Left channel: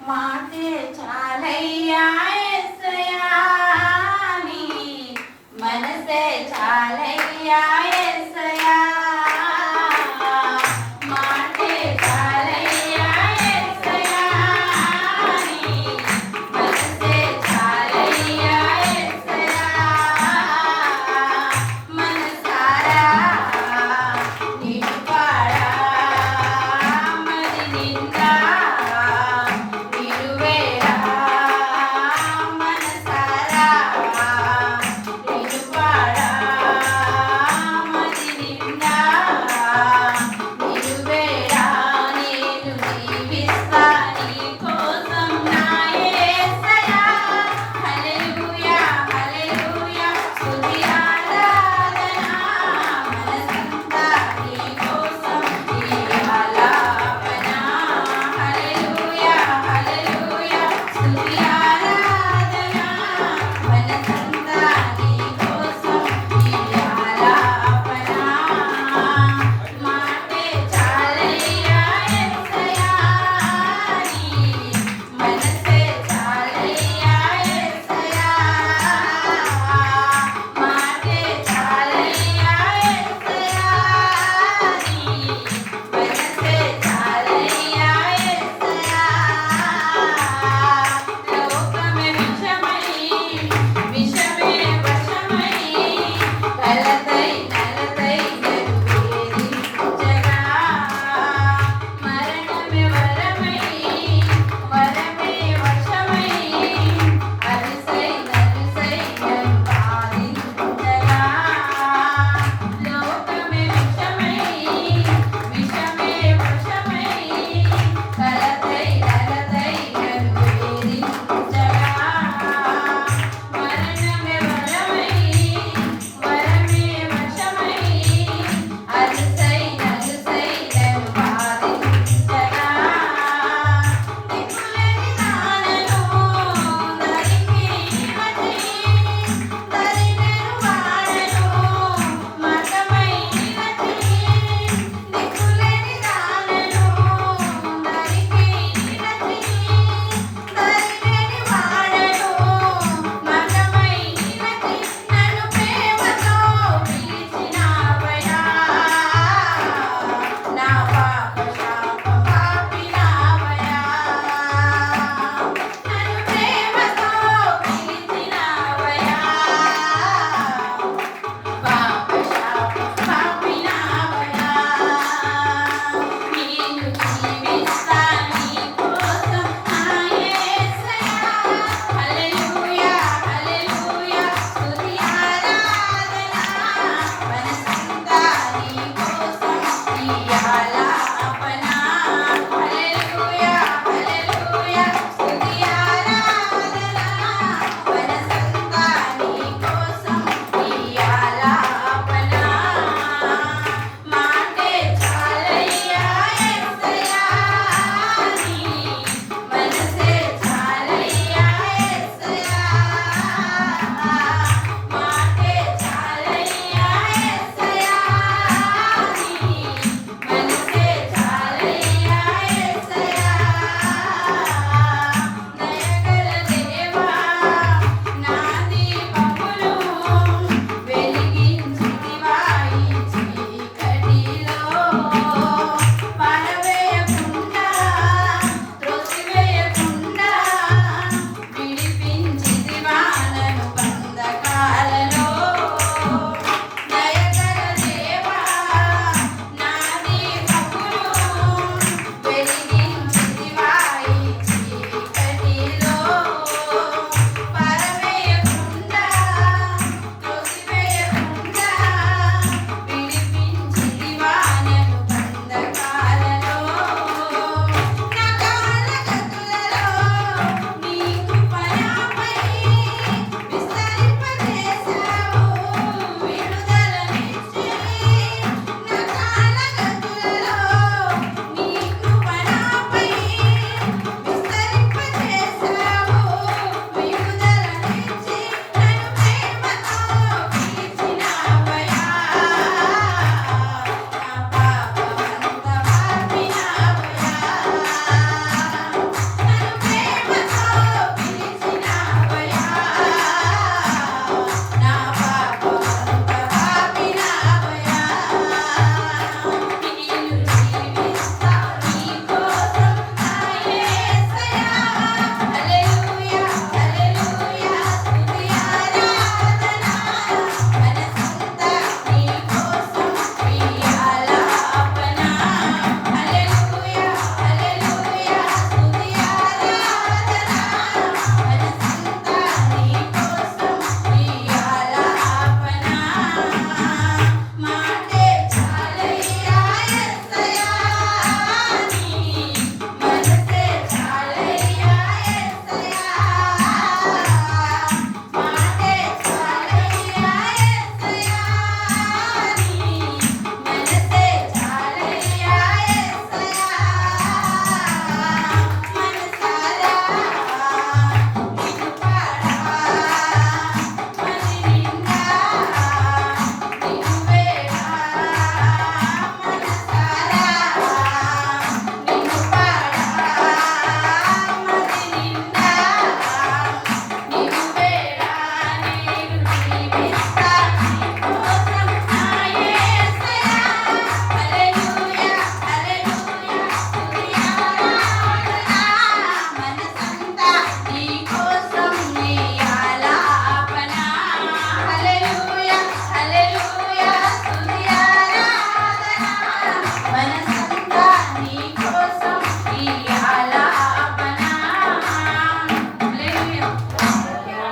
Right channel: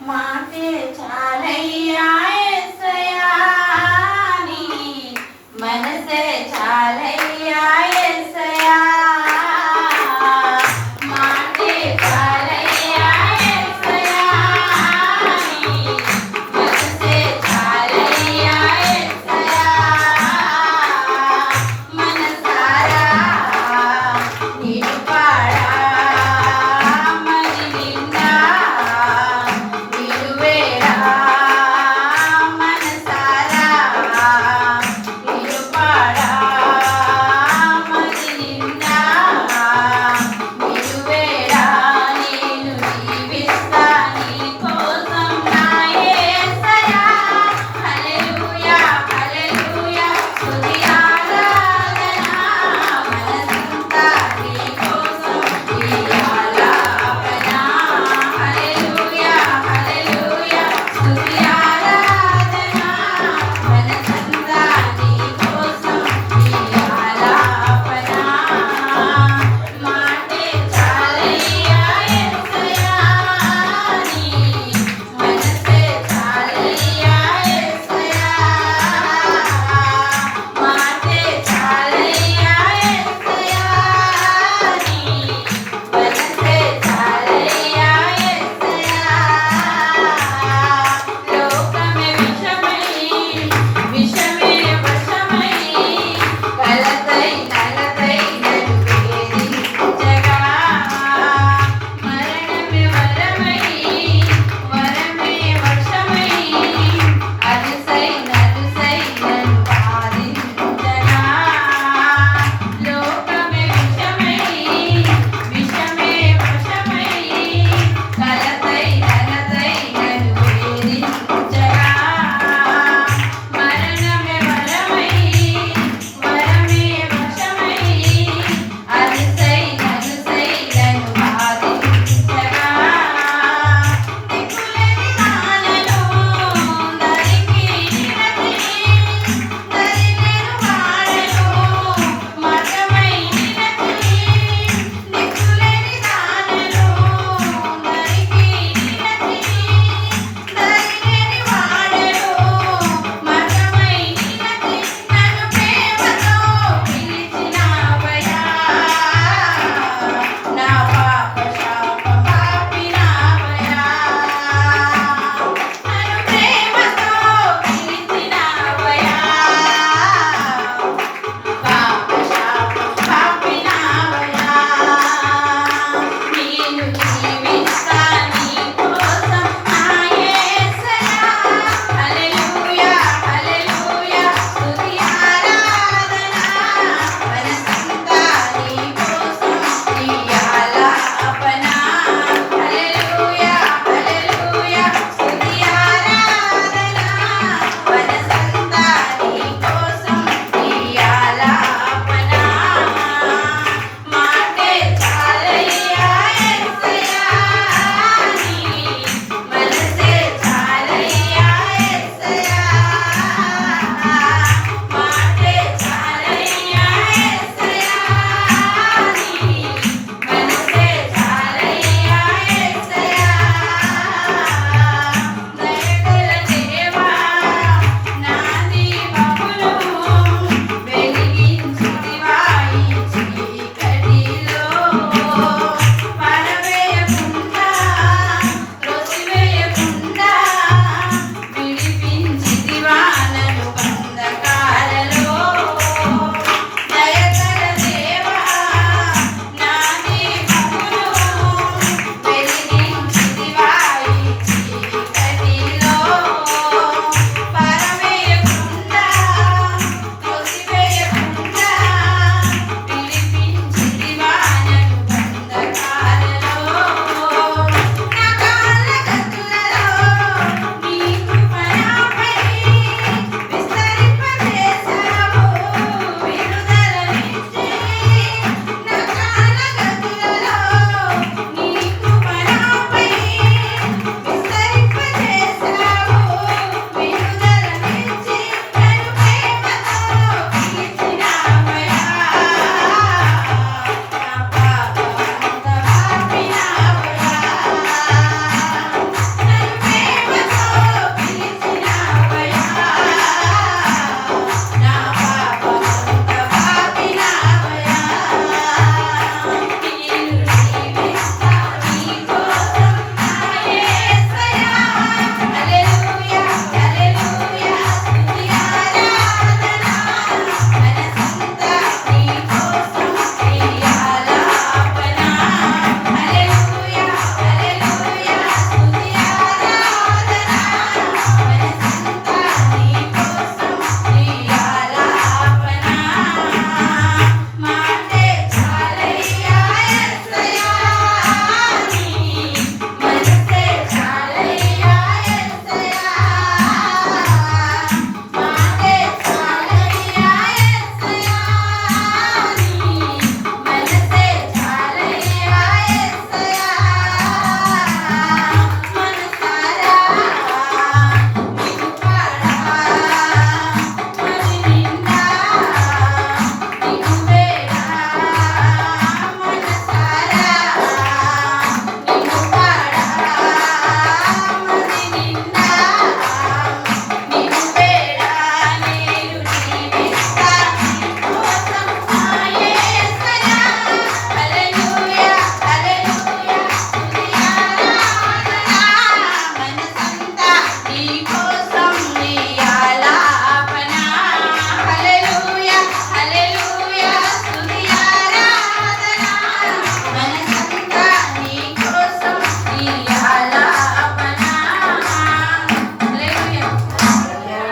మాటే చాలయ్యా యేసయ్యా నీ మనసే చాలయ్యా యేసయ్యా మాటే చాలయ్యా యేసయ్యా నీ మనసే చాలయ్యా యేసయ్యా మనసారా నిన్ను పాడా మరి నిండా నిలువేడా మనసారా నిన్ను పాడా మరి నిండా నిలువేడా నేను జీవిస్తా నీ కోసం నా యేసయ్యా హల్లెలూయా హల్లెలూయా స్తుతి ఆరాధన మనసంతా నీ కోసం ఈ ఆలాపన హల్లెలూయా హల్లెలూయా స్తుతి ఆరాధన మనసంతా నీ కోసం ఈ ఆలాపన మాటే చాలయ్యా యేసయ్యా నీ మనసే చాలయ్యా యేసయ్యా మాటే చాలయ్యా యేసయ్యా నీ మనసే చాలయ్యా యేసయ్యా లోకమే విషమే వశమై కలతై నలతై నలుగేది జగా మరణమే వరమై